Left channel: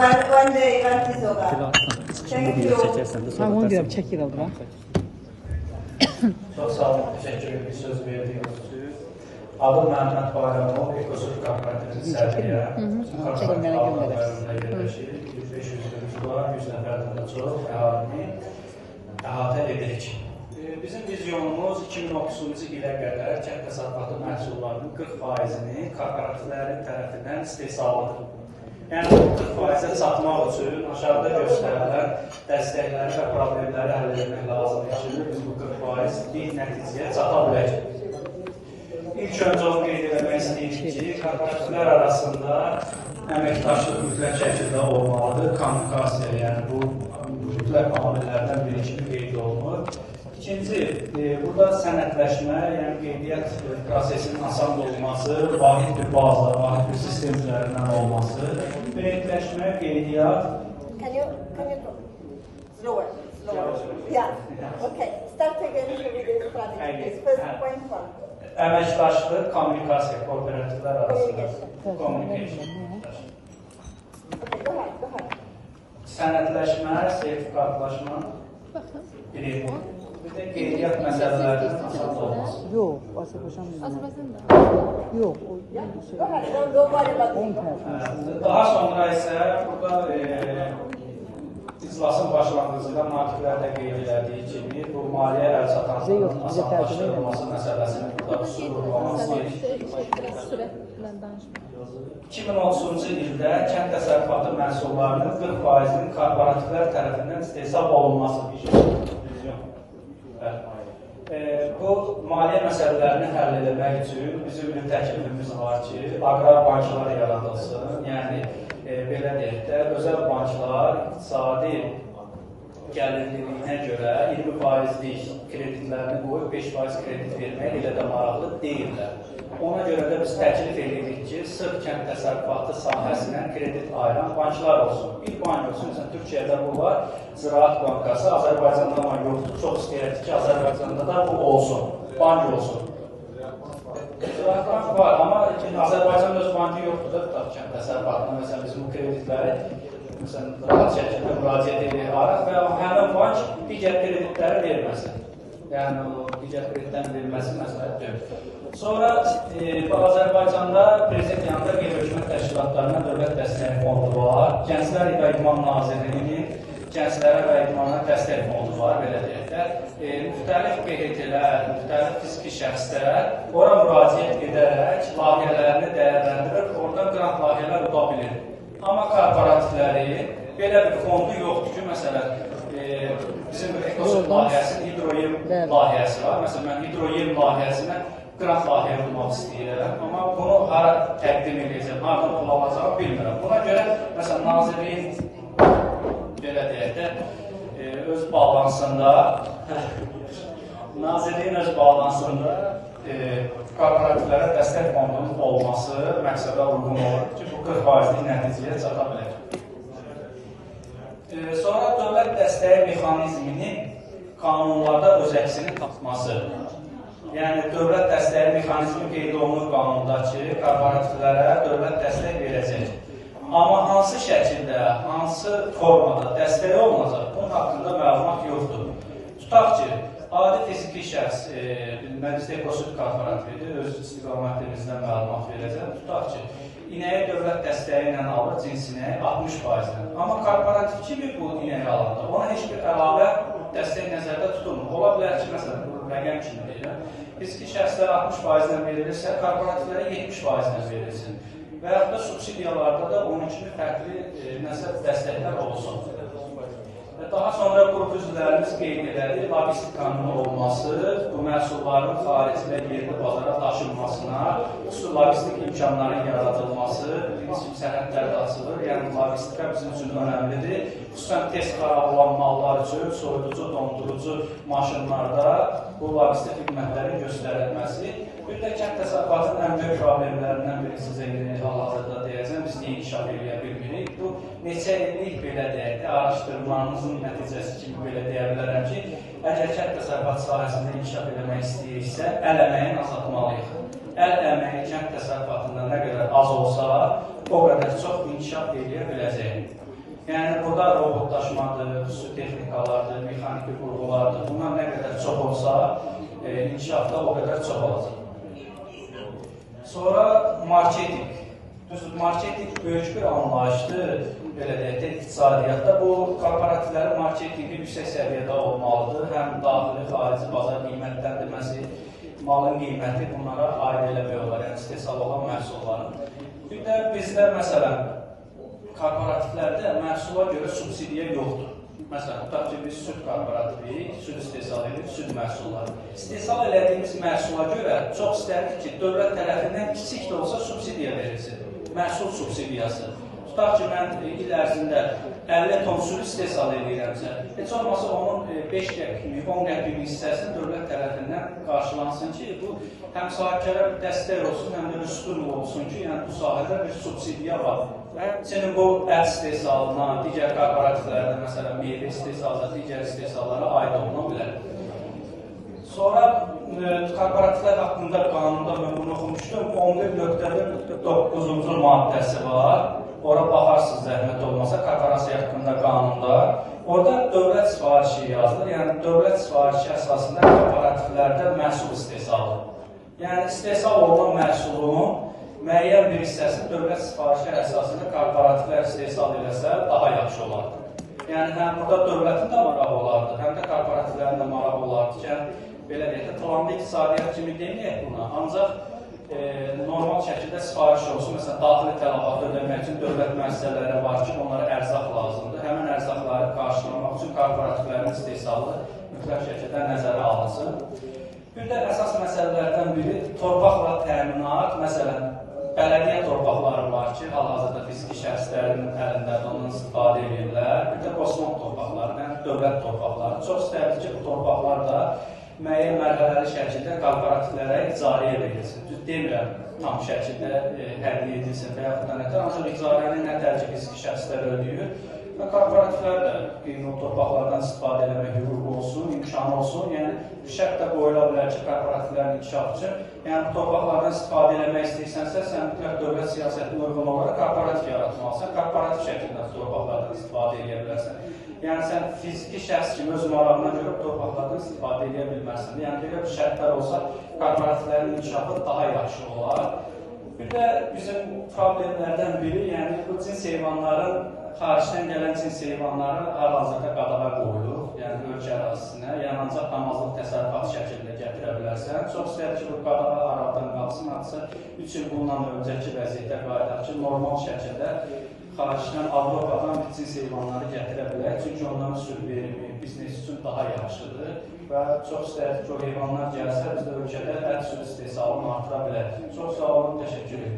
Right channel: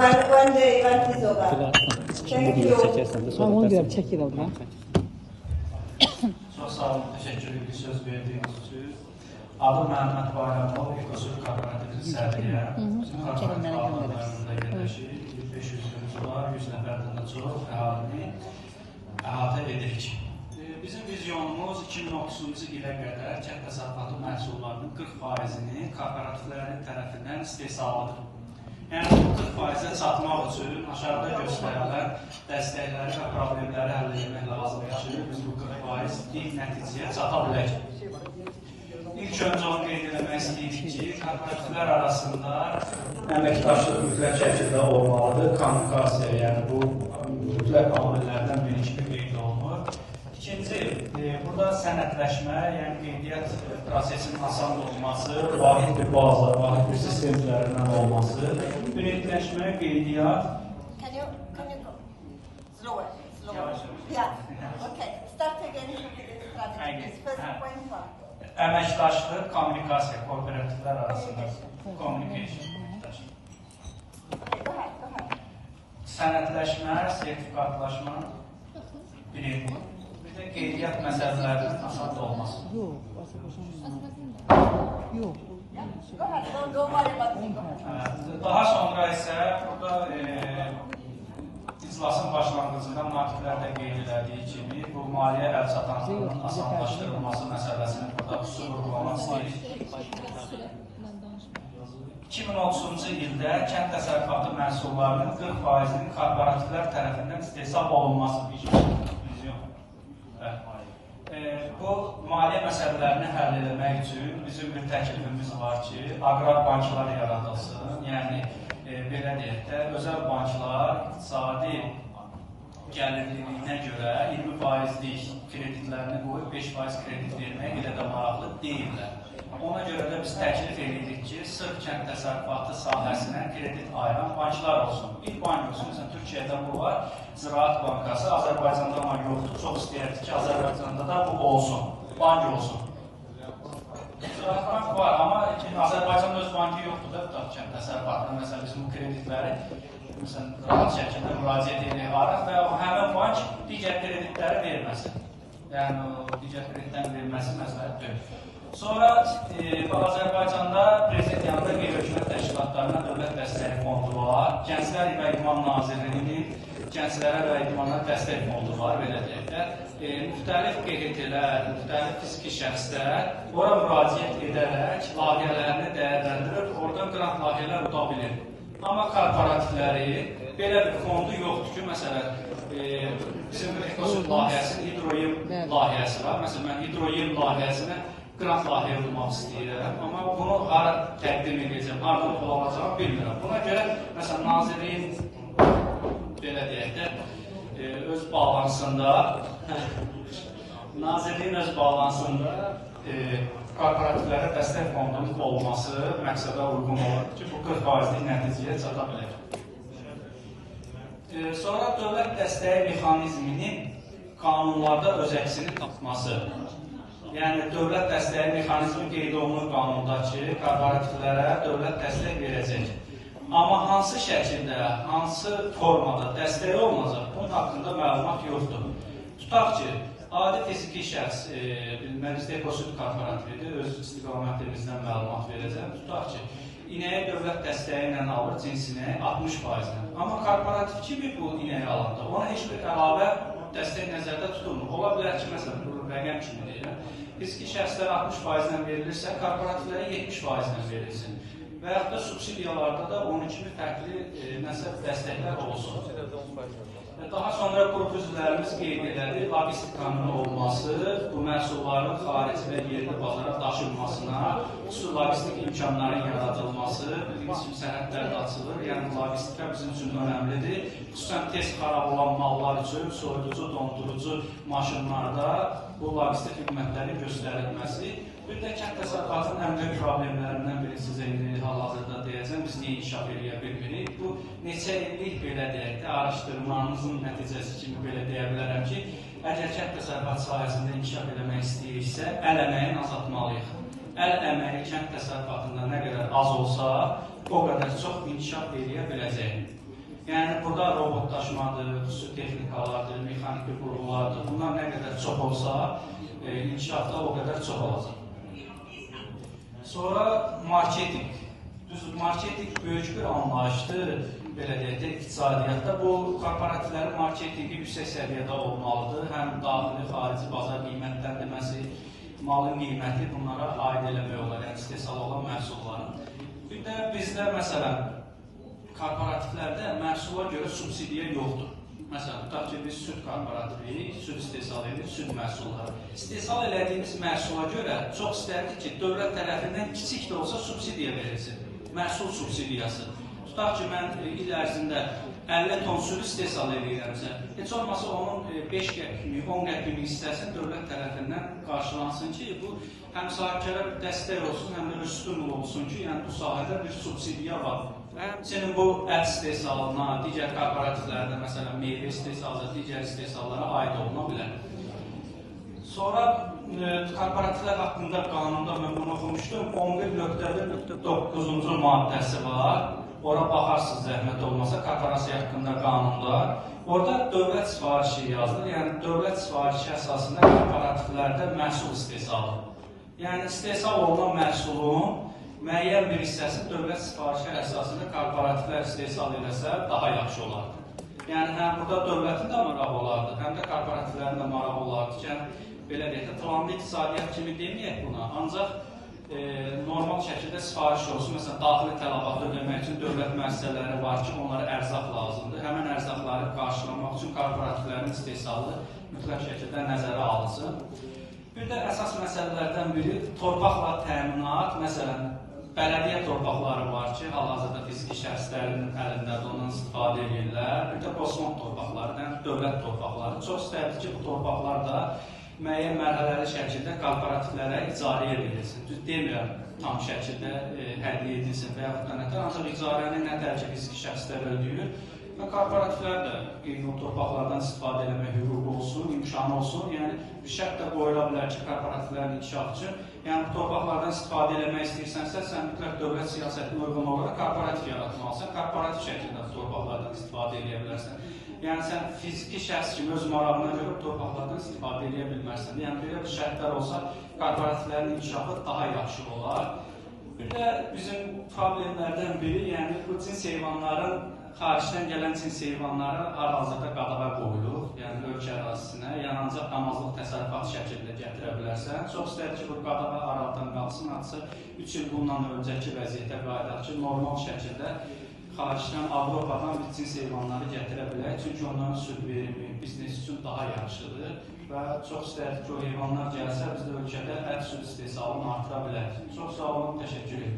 One day, one is over. Thank you. Ben onu diyorum, çekil abla. Çok sağ olun, teşekkür ederim söz verdiğiniz için. Adım Mehmet Bayramov, Ekosur Kooperatif Sərdiyə. Bizim xalqlarında yerləşir, 500 yıllar, 100 nəfərdən çox əhalini əhatə edirik. Bizim vizyonumuz 2030-cu ilə qədər kənd təsərrüfatı məhsullarının 40%-ni kooperativlərin tərəfindən istehsalıdır. Yəni, bu 40%-ə çatmaq üçün aşağıda göstərilən dəstəkləri və problemləri həll etmək lazımdır ki, biz bu 40%lik nəticəyə çata bilək. İlk öncə onu qeyd etmək istəyirik ki, kooperativlər arasında əməkdaşlıq mütləq şəkildə olmalıdır. Kommunikasiya, yəni bu mütləq amillərdən biri kimi qeyd olunur. İkinci, burada sənədləşmə, yəni qeydiyyat prosesinin asan olması, vahid bir baza, vahid bir sistem üzərindən olması, qeydiyyatləşmə, qeydiyyat... Can you slower? Yeah. Okay. Start again with the first point one. Əməkdaşlıq, kommunikasiya, kooperativlər arasında. Communication. Okay, go ahead. Sənədləşmə, sertifikatlaşma, bir de qeydiyyat məsələlərinin asas olması. Yox, Azərbaycan yox. Go ahead, don't worry about it. Daha sonra isə burada iclasın başlanğıcında natiflərdə qeyd elədiyi kimi bu maliyyə əlçatanlığının asanlaşdırılması məsələsini burada vurğulamaq istəyirik. 2030-cu ildə kənd təsərrüfatı məhsullarının 40%-nin korporativlər tərəfindən istehsal olunması vizyon. Bu maliyyə məsələlərini həll etmək üçün bizim bir təklifimiz var ki, aqrar banklar yaradılsın. Yəni, belə deyək də, özəl banklar iqtisadi gəlirliyinə görə 20%lik kreditlərini qoyub 5% kredit vermək elə də maraqlı deyirlər. Ona görə də biz təklif edirik ki, sırf kənd təsərrüfatı sahəsindən kredit ayıran banklar olsun. Bir bank olsun, məsələn, Türkiyədə bu var, Ziraat Bankası, Azərbaycanda bank yoxdur. Çox istəyirdik ki, Azərbaycanda da bu olsun, bank olsun. Ziraat Bank var, amma Azərbaycanda öz bankı yoxdur da, tutaq kənd təsərrüfatına, məsələn, biz bu kreditləri rahat şəkildə müraciət edirik və həmin bank digər kreditləri verməsin. Yəni, digər kreditlərin verilməsi məsləhət deyil. Sonra Azərbaycanda Prezident yanında qeyri-hökumət təşkilatlarına dövlət dəstəyi fondu var. Gənclər və İdman Nazirliyinin gənclərə və idmana dəstək fondu var, belə deyək də. Müxtəlif QHT-lər, müxtəlif fiziki şəxslər ora müraciət edərək layihələrini dəyərləndirir, oradan qrant layihələr uda bilir. Amma korporativləri belə bir fondu yoxdur ki, məsələn, bizim Ekosur layihəsinin hidroyel layihəsi var. Məsələn, mən hidroyel layihəsinə qrant layihə olmaq istəyirəm, amma bunu hara təqdim edəcəm, haradan pul alacağım bilmirəm. Buna görə, məsələn, Nazirliyin, belə deyək də, öz balansında, Nazirliyin öz balansında korporativlərə dəstək fondunun olması məqsədə uyğun olur ki, bu 40%lik nəticəyə çata bilər. Sonra dövlət dəstəyi mexanizminin qanunlarda öz əksini tapması. Yəni, dövlət dəstəyi mexanizmi qeyd olunur qanunda ki, korporativlərə dövlət dəstək verəcək. Amma hansı şəkildə, hansı formada dəstək olunacaq, bunun haqqında məlumat yoxdur. Tutaq ki, adi fiziki şəxs, Məclis Ekosur Korporatividir, öz istiqamətimizdən məlumat verəcəm. Tutaq ki, inəyə dövlət dəstəyi ilə alır cinsinə 60%. Amma korporativ kimi bu inəyə alanda, ona heç bir əlavə dəstək nəzərdə tutulmur. Ola bilər ki, məsələn, bu rəqəm kimi deyiləm. Fiziki şəxslər 60% verilirsə, korporativlərə 70% verilsin. Və yaxud da subsidiyalarda da onun kimi fərqli dəstəklər olsun. Daha sonra qrup üzvlərimiz qeyd elədi, logistikanın olması, bu məhsulların xarici və yerli bazara daşınmasına, xüsusi logistik imkanların yaradılması, bizim sənədlər də açılır, yəni logistika bizim üçün önəmlidir. Xüsusən tez xarab olan mallar üçün soyuducu, dondurucu maşınlarda bu logistik xidmətlərin göstərilməsi. Bir də kənd təsərrüfatının ən böyük problemlərindən biri sizə hal-hazırda deyəcəm, biz niyə inkişaf edə bilmirik. Bu, neçə illik belə deyək də, araşdırmanızın nəticəsi kimi belə deyə bilərəm ki, əgər kənd təsərrüfatı sahəsində inkişaf eləmək istəyiriksə, əl əməyini azaltmalıyıq. Əl əməyi kənd təsərrüfatında nə qədər az olsa, o qədər çox inkişaf edə biləcəyik. Yəni burada robotlaşmadır, xüsusi texnikalardır, mexaniki qurğulardır. Bunlar nə qədər çox olsa, inkişafda o qədər çox olacaq. Sonra marketing. Düzdür, marketing böyük bir anlayışdır, belə deyək, iqtisadiyyatda. Bu, korporativlərin marketingi yüksək səviyyədə olmalıdır. Həm daxili, xarici bazar qiymətləndirməsi, malın qiyməti bunlara aid eləmək olar, yəni istehsal olan məhsulların. Bir də bizdə, məsələn, korporativlərdə məhsula görə subsidiya yoxdur. Məsələn, tutaq ki, biz süd korporativiyik, süd istehsal edirik, süd məhsulları. İstehsal elədiyimiz məhsula görə çox istərdik ki, dövlət tərəfindən kiçik də olsa subsidiya verilsin. Məhsul subsidiyası. Tutaq ki, mən il ərzində 50 ton süd istehsal edirəmsə, heç olmasa onun 5 qəpik, 10 qəpik hissəsi dövlət tərəfindən qarşılansın ki, bu həm sahibkara dəstək olsun, həm də bir stimul olsun ki, yəni bu sahədə bir subsidiya var. Senin bu ət istehsalına, digər korporativlərdə, məsələn, meyvə istehsalına, digər istehsallara aid olma bilər. Sonra korporativlər haqqında qanunda mən bunu oxumuşdum. 11.1.9-cu maddəsi var. Ora baxarsınız, zəhmət olmasa, korporasiya haqqında qanunda. Orada dövlət sifarişi yazılır. Yəni, dövlət sifarişi əsasında korporativlərdə məhsul istehsalı. Yəni, istehsal olunan məhsulun müəyyən bir hissəsi dövlət sifarişi əsasında korporativlər istehsal eləsə daha yaxşı olar. Yəni, həm burada dövlətin də marağı olardı, həm də korporativlərin də marağı olardı ki, belə deyək də, planlı iqtisadiyyat kimi deməyək buna, ancaq normal şəkildə sifariş olsun. Məsələn, daxili tələbat ödəmək üçün dövlət müəssisələri var ki, onlara ərzaq lazımdır. Həmən ərzaqları qarşılamaq üçün korporativlərin istehsalı mütləq şəkildə nəzərə alınsın. Bir də əsas məsələlərdən biri torpaqla təminat. Məsələn, bələdiyyə torpaqları var ki, hal-hazırda fiziki şəxslərin əlindədir, ondan istifadə edirlər. Bir də qosmon torpaqları, həm dövlət torpaqları. Çox istərdik ki, bu torpaqlar da müəyyən mərhələli şəkildə korporativlərə icarəyə verilsin. Düz demirəm, tam şəkildə hədiyyə edilsin və yaxud da nətər, ancaq icarəni nə dərəcə fiziki şəxslər ödəyir və korporativlər də qeyri torpaqlardan istifadə eləmək hüququ olsun, imkanı olsun. Yəni, şərt də qoyula bilər ki, korporativlərin inkişaf üçün, yəni torpaqlardan istifadə eləmək istəyirsənsə, sən mütləq dövlət siyasətinə uyğun olaraq korporativ yaratmalısan, korporativ şəkildə torpaqlardan istifadə edə bilərsən. Yəni, sən fiziki şəxs kimi öz marağına görə torpaqlardan istifadə edə bilmərsən. Yəni, belə bir şərtlər olsa, korporativlərin inkişafı daha yaxşı olar. Bir də bizim problemlərdən biri, yəni bu cins heyvanların, xaricdən gələn cins heyvanları hal-hazırda qadağa qoyulur, yəni ölkə ərazisinə, yəni ancaq damazlıq təsərrüfat şəkildə gətirə bilərsən. Çox istəyir ki, bu qadağa aradan qalsın, artısa 3 il bundan öncəki vəziyyətə qayıdaq ki, normal şəkildə xaricdən Avropadan biz cins heyvanları gətirə bilək, çünki onların süd verimi biznes üçün daha yaxşıdır və çox istəyir ki, o heyvanlar gəlsə, biz də ölkədə ət süd istehsalını artıra bilərik. Çox sağ olun, təşəkkür ederim.